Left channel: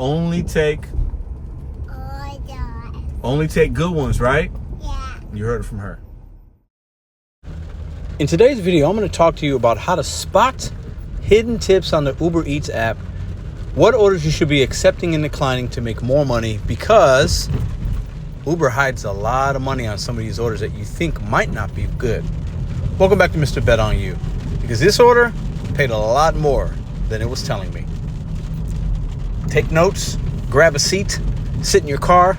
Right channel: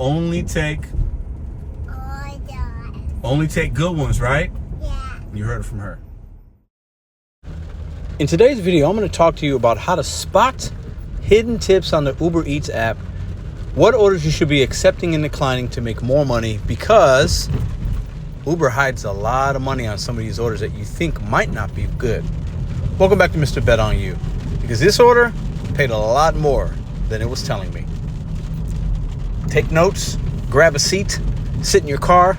only take good ones, right? Yeah. You heard it from her. In today's video, I'm going to talk to you about how to spot hidden tips on the Uber Eats app, what orders you should be accepting and declining to make more money, because Uber hides a lot of money on some of these orders that you think might not be good. Welcome back to Mr.BetonYou, because this order paid a lot more than it was telling me. Take notes, grab a seat, sit in your car.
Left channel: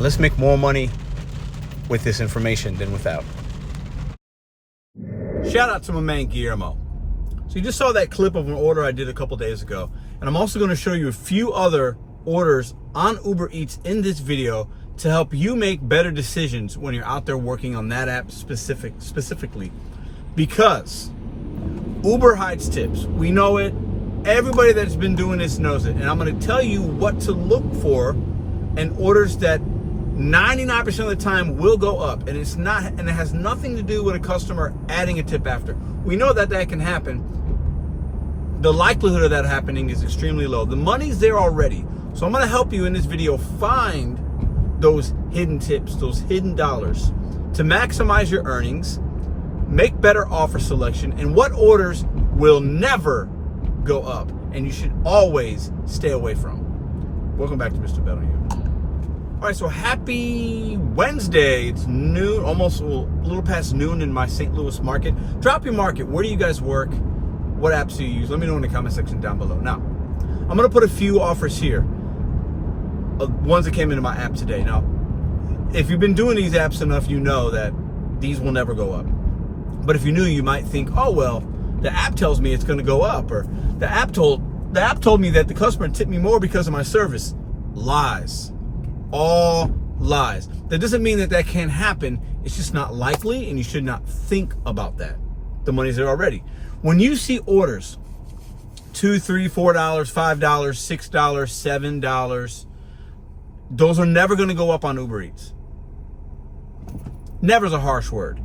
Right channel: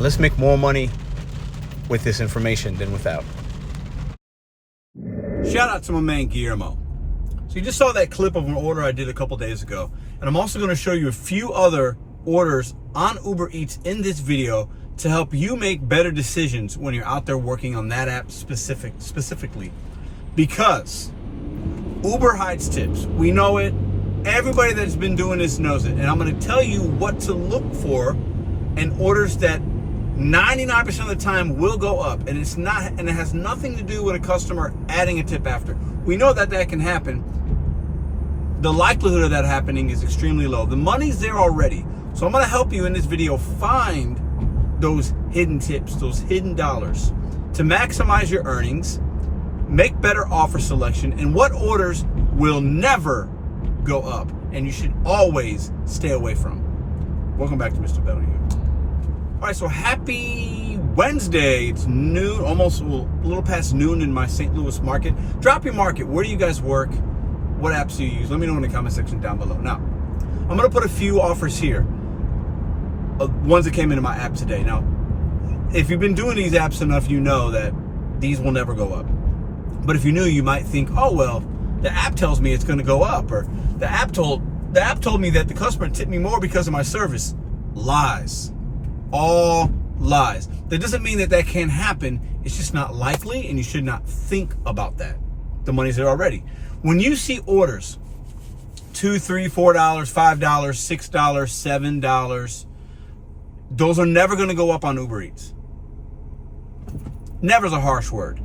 Let's make more money with this information than without. Shout out to my man Guillermo. So you just saw that clip of an order I did a couple days ago, and I'm also going to show you a few other orders on Uber Eats in this video to help you make better decisions when you're out there working on that app specifically. Because Uber hides tips. We know it. Everybody that's been doing this knows it. And I'm going to tell you what to look for in orders that 99% of the time will go up, and it has nothing to do with a customer adding a tip after. We know that can happen. The likelihood of that happening is extremely low. The money's there already. So I'm going to help you in this video find those hidden tips, those hidden dollars, to maximize your earnings, make better offer selection, and what orders will never go up and you should always stay away from. Welcome back to Mr.BetonYou. All right, so happy Wednesday. It's noon, almost a little past noon in my St. Louis market. Drop your market. Where do you guys work? What apps do you use? Let me know in the comment section down below. Now, I'm going to put a few offers here, ones that came into my app today. Now, if you've been doing these apps enough, you know that these will never go up. But if you're new, you might think, oh, well, the app tells me it's going to go up, or the app told me that the customer tipped me more because of my service. Lies. All lies. That doesn't mean that can't happen. It's just not likely, and you should not think about that. The money's there already. When you see orders, $2, $3, $4, $5, $6, $7, those are never going to go up on Uber Eats. Never is a harsh word.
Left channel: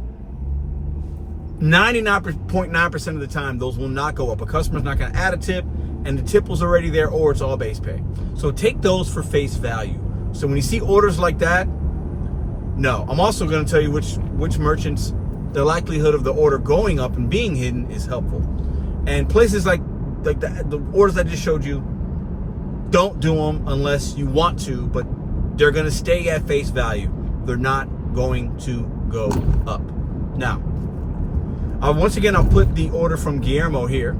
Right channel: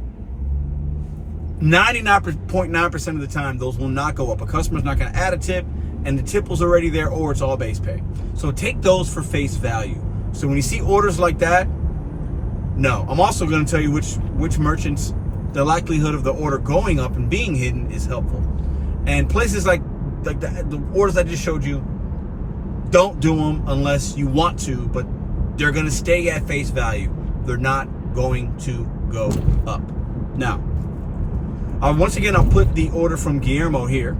99.9% of the time, those will not go up. A customer's not going to add a tip, and the tip was already there, or it's all base pay. So take those for face value. So when you see orders like that, no. I'm also going to tell you which merchants, the likelihood of the order going up and being hidden is helpful. And places like the orders I just showed you, don't do them unless you want to, but they're going to stay at face value. They're not going to go up. Now, once again, I'll put the order from Guillermo here.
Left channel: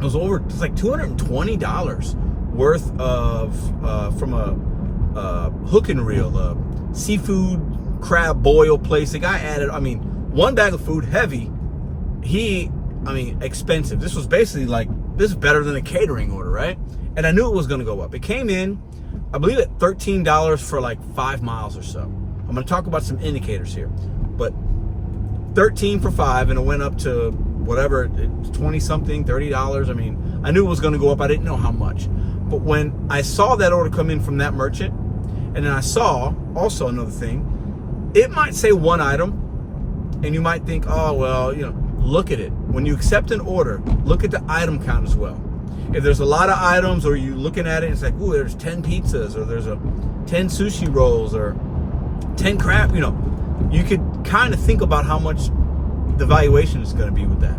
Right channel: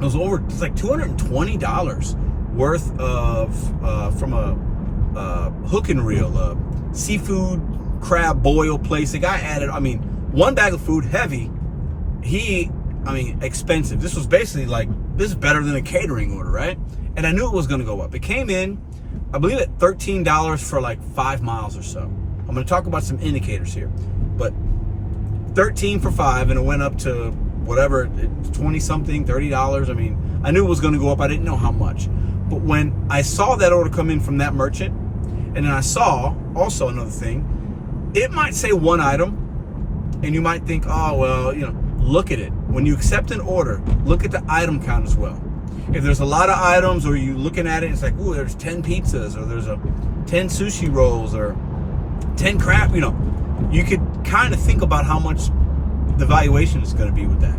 It's like $220 worth of from a hook and reel, seafood crab boil place. The guy added, one bag of food, heavy. Expensive. This was basically this is better than a catering order, right? And I knew it was going to go up. It came in, I believe, at $13 for like 5 miles or so. I'm going to talk about some indicators here, but 13 for 5, and it went up to whatever, 20 something, $30. I knew it was going to go up. I didn't know how much. But when I saw that order come in from that merchant, and then I saw also another thing, it might say one item, and you might think, oh, well, look at it. When you accept an order, look at the item count as well. If there's a lot of items, or you looking at it, it's like, ooh, there's 10 pizzas, or there's 10 sushi rolls, or 10 crab, you could kind of think about how much the valuation is going to be with that,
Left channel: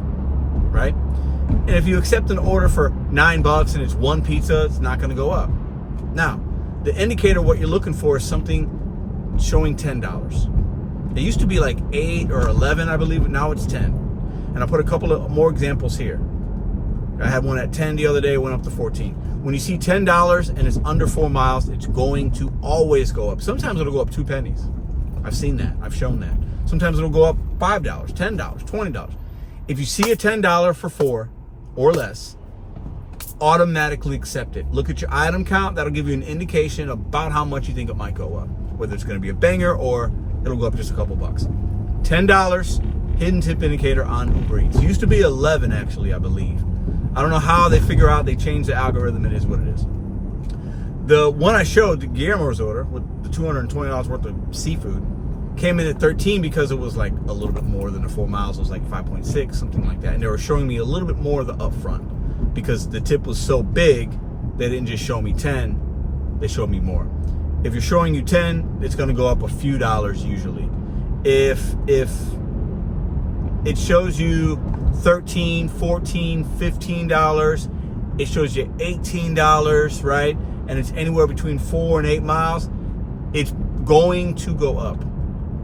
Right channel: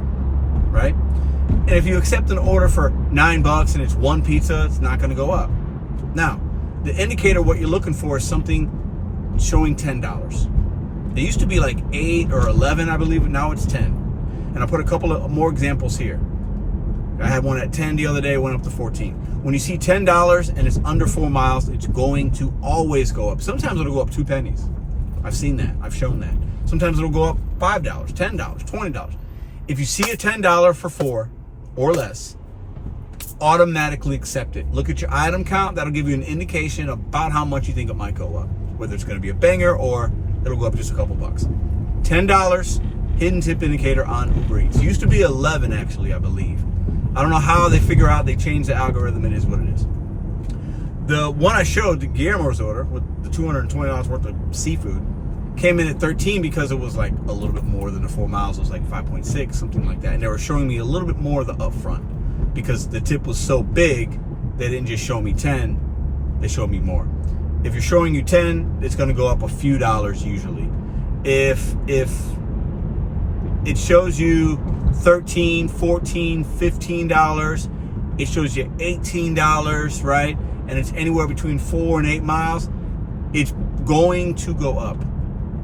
right? And if you accept an order for $9 and it's one pizza, it's not going to go up. Now, the indicator, what you're looking for, is something showing $10. They used to be like 8 or 11, I believe, but now it's 10. And I put a couple of more examples here. I had one at 10 the other day, it went up to 14. When you see $10 and it's under 4 miles, it's going to always go up. Sometimes it'll go up 2 pennies. I've seen that. I've shown that. Sometimes it'll go up $5, $10, $20. If you see a $10 for 4 or less, automatically accept it. Look at your item count. That'll give you an indication about how much you think it might go up, whether it's going to be a banger or it'll go up just a couple bucks. $10, hidden tip indicator on Uber Eats. It used to be 11, actually, I believe. I don't know how they figure out they changed the algorithm. It is what it is. The one I showed, the Guillermo's order with the $220 worth of seafood, came in at 13 because it was like a little bit more than the 4 miles. It was like 5.6, something like that. And they were showing me a little bit more of the upfront because the tip was so big, they didn't just show me 10. they show me more. If you're showing you 10, it's going to go up a few dollars usually. If it shows you $13, $14, $15, it shows you $18, right? And it's anywhere between 4 and 8 miles, it's going to go up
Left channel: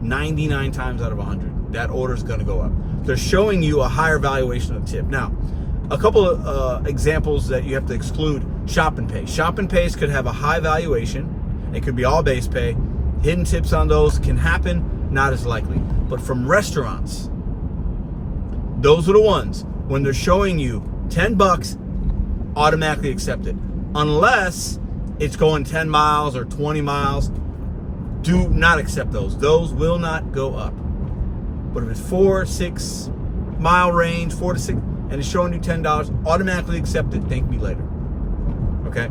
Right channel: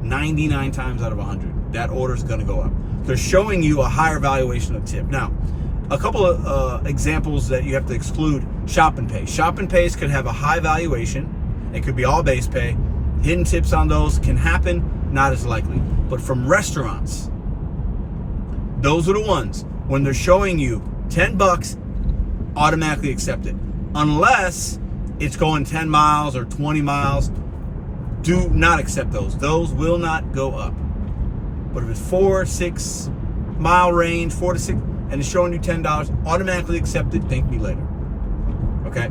99 times out of 100. That order is going to go up. They're showing you a higher valuation of tip. Now, a couple of examples that you have to exclude: shop and pay. Shop and pays could have a high valuation. It could be all base pay. Hidden tips on those can happen, not as likely. But from restaurants, those are the ones when they're showing you $10, automatically accept it. Unless it's going 10 miles or 20 miles, do not accept those. Those will not go up. But if it's 4, 6 mile range, 4 to 6, and it's showing you $10, automatically accept it, thank me later. Okay?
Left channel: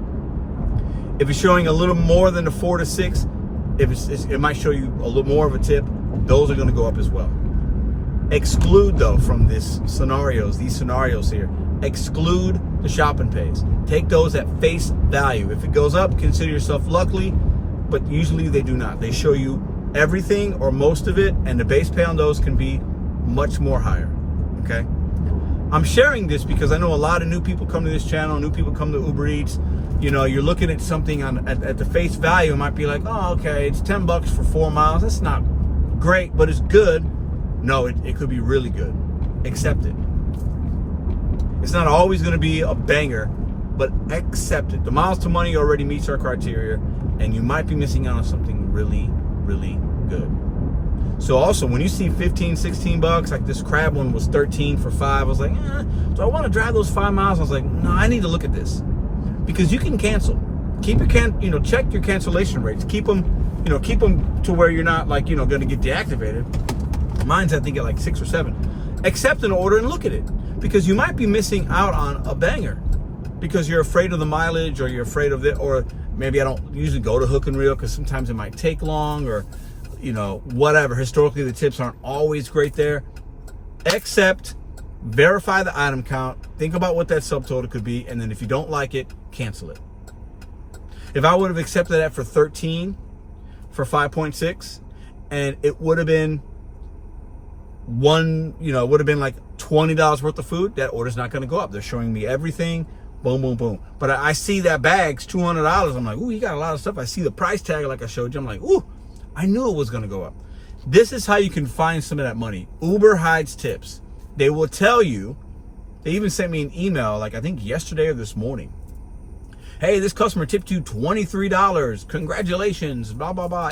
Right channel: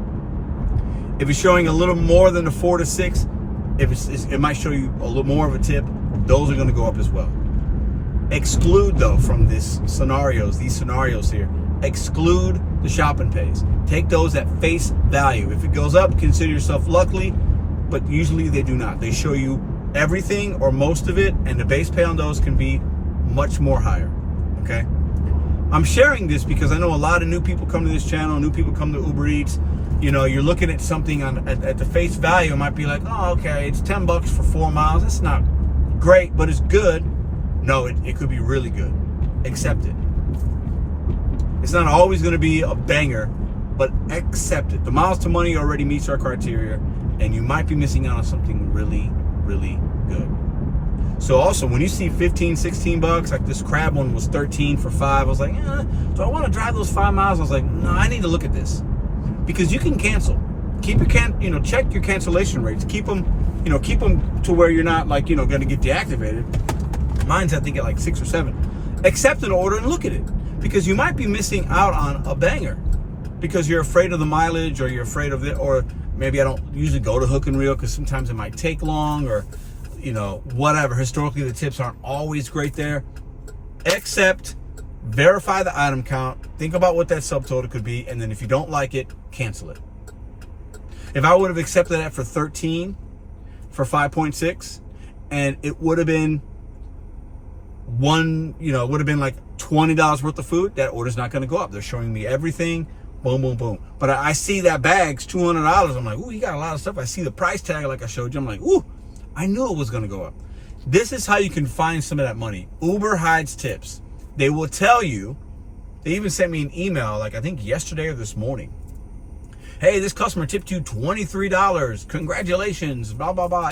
If it's showing a little more than a 4 to 6, it might show you a little more of a tip, those are going to go up as well. Exclude, though, from these scenarios here, exclude the shop and pays. Take those at face value. If it goes up, consider yourself lucky, but usually they do not. They show you everything or most of it, and the base pay on those can be much more higher. Okay? I'm sharing this because I know a lot of new people come to this channel, new people come to Uber Eats. You know, you're looking at something at the face value, it might be like, oh, okay, it's $10 for 4 miles. That's not great, but it's good. No, it could be really good. Accept it. It's not always going to be a banger, but accept it. The miles to money already meets our criteria, and you might be missing out on something really, really good. So also, when you see 15, 16 bucks, like this crab one was 13 for 5, I was like, do I want to drive those 5 miles? I was like, no, I need to look at this. Because you can cancel. Keep your check your cancellation rates. Keep them to where you're not like, going to get deactivated. Mine's I think at like 6 or 7. Accept an order and look at it. Because you might be missing out on a banger. Because you're afraid of the mileage, or you're afraid of it, or maybe I don't usually go to Hook and Reel because sometimes it might take long, or whatever. Historically, the tips aren't always great there. Accept, verify the item count, think about what that subtotal could be, and then if you don't like it, cancel it. If I would have accepted that for 13 for 5.6, and it would have been would have been like $20 worth of food, that order's not going to go up. They're showing me everything, boom, boom, boom. But I see that bag's $200. I'm like, ooh, you got a lot of stuff. I see the price tag like I showed you. I'm like, ooh, I knew it was going to go up. This is how you can find some of that money. Uber hides tips. They will tell you. They even sent me an email, like I think yesterday or this morning. Hey, this customer tipped you $23. Congratulations, blah, blah, blah,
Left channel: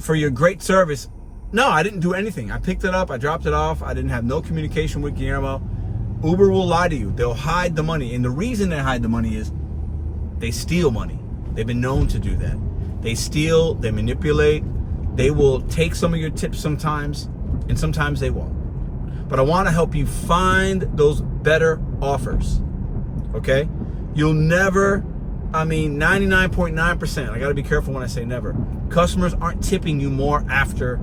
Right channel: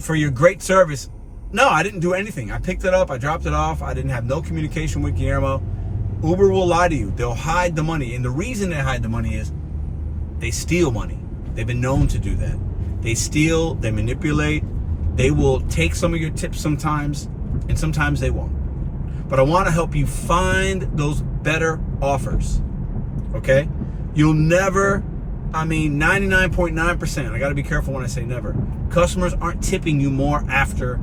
for your great service. No, I didn't do anything. I picked it up. I dropped it off. I didn't have no communication with Guillermo. Uber will lie to you. They'll hide the money. And the reason they hide the money is they steal money. They've been known to do that. They steal, they manipulate. They will take some of your tips sometimes, and sometimes they won't. But I want to help you find those better offers. Okay? You'll never, 99.9%, I got to be careful when I say never. Customers aren't tipping you more after,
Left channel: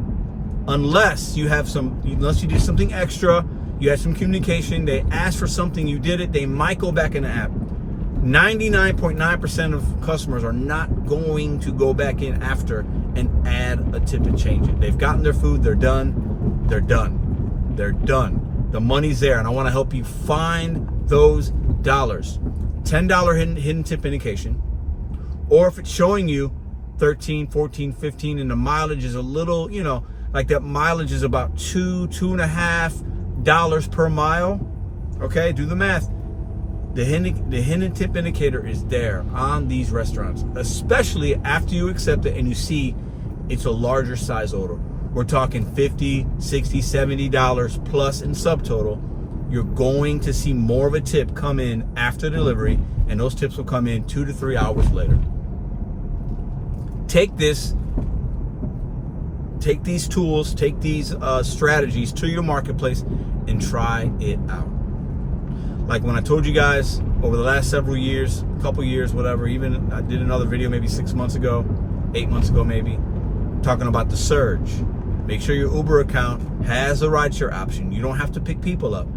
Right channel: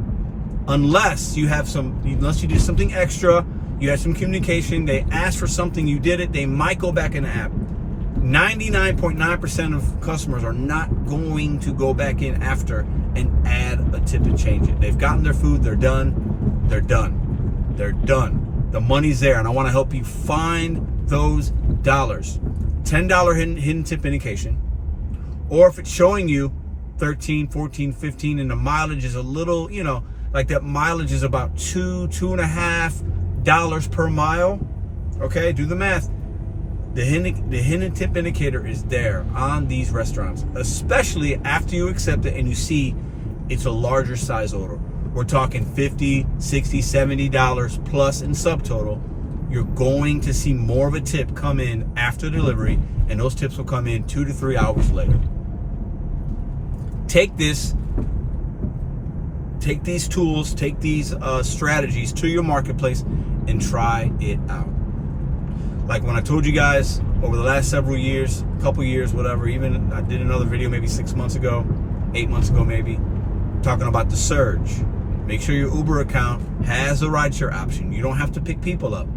unless you did something extra, you had some communication, they asked for something, you did it, they might go back in the app. 99.9% of customers are not going to go back in after and add a tip and change it. They've gotten their food, they're done, they're done, they're done. The money's there, and I want to help you find those dollars. $10 hidden tip indication, or if it's showing you 13, 14, 15, and the mileage is a little, like that mileage is about $2.5 per mile. Okay, do the math. The hidden tip indicator is there on these restaurants, especially after you accept it and you see it's a larger size order. We're talking $50, $60, $70 plus in subtotal. You're going to see more of a tip come in after delivery, and those tips will come in 2 to 3 hours later. Take these tools, take these strategies to your marketplace and try it out. Like when I told you guys over the last several years, couple years, whatever, even I did another video maybe 6 months ago, 8 months ago maybe, talking about the surge. Make sure your Uber account has a rideshare option. You don't have to pick people up.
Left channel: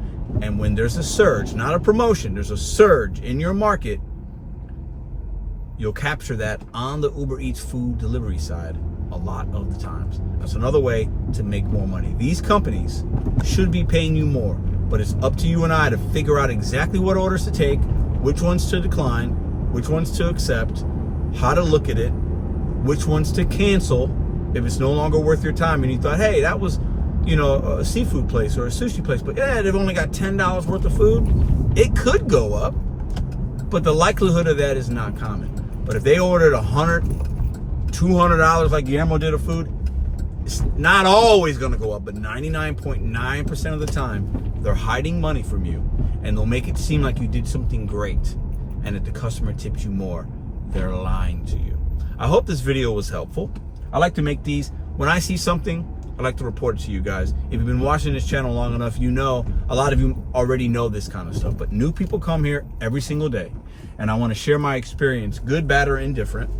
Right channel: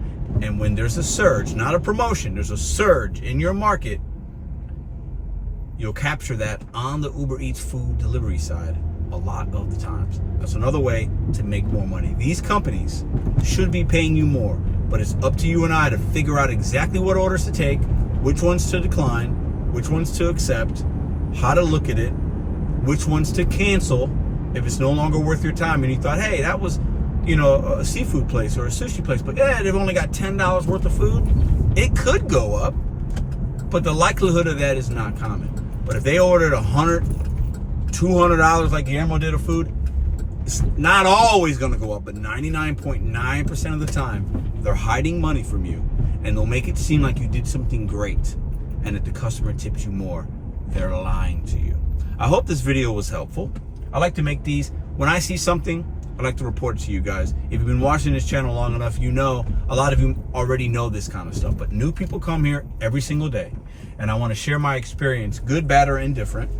And when there's a surge, not a promotion, there's a surge in your market, you'll capture that on the Uber Eats food delivery side a lot of the times. That's another way to make more money. These companies should be paying you more, but it's up to you and I to figure out exactly what orders to take, which ones to decline, which ones to accept, how to look at it, which ones to cancel if it's no longer worth your time and you thought, hey, that was, a seafood place or a sushi place, but they've only got $10 worth of food. It could go up, but the likelihood of that is not common. But if they ordered $100, $200 like Guillermo did of food, it's not always going to go up, but 99.9% of the time, they're hiding money from you, and they'll make it seem like you did something great, and if the customer tips you more, they're lying to you. I hope this video was helpful. I like to make these. When I see something, I like to report it to you guys. If you've been watching this channel long enough, you know, a lot of you already know this kind of stuff, but new people come here every single day, and I want to share my experience, good, bad, or indifferent,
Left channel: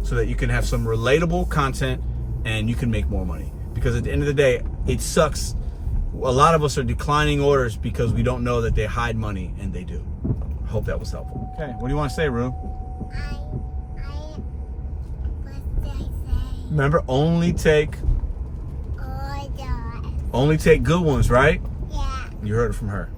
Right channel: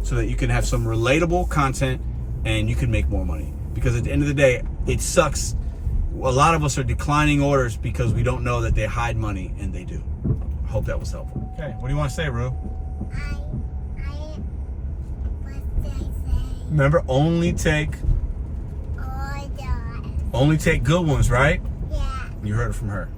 so that you can have some relatable content and you can make more money. Because at the end of the day, it sucks. A lot of us are declining orders because we don't know that they hide money, and they do. I hope that was helpful. Okay, what do you want to say, Rue? What did I say? Remember, only take good ones, right? Yeah. You heard it from her.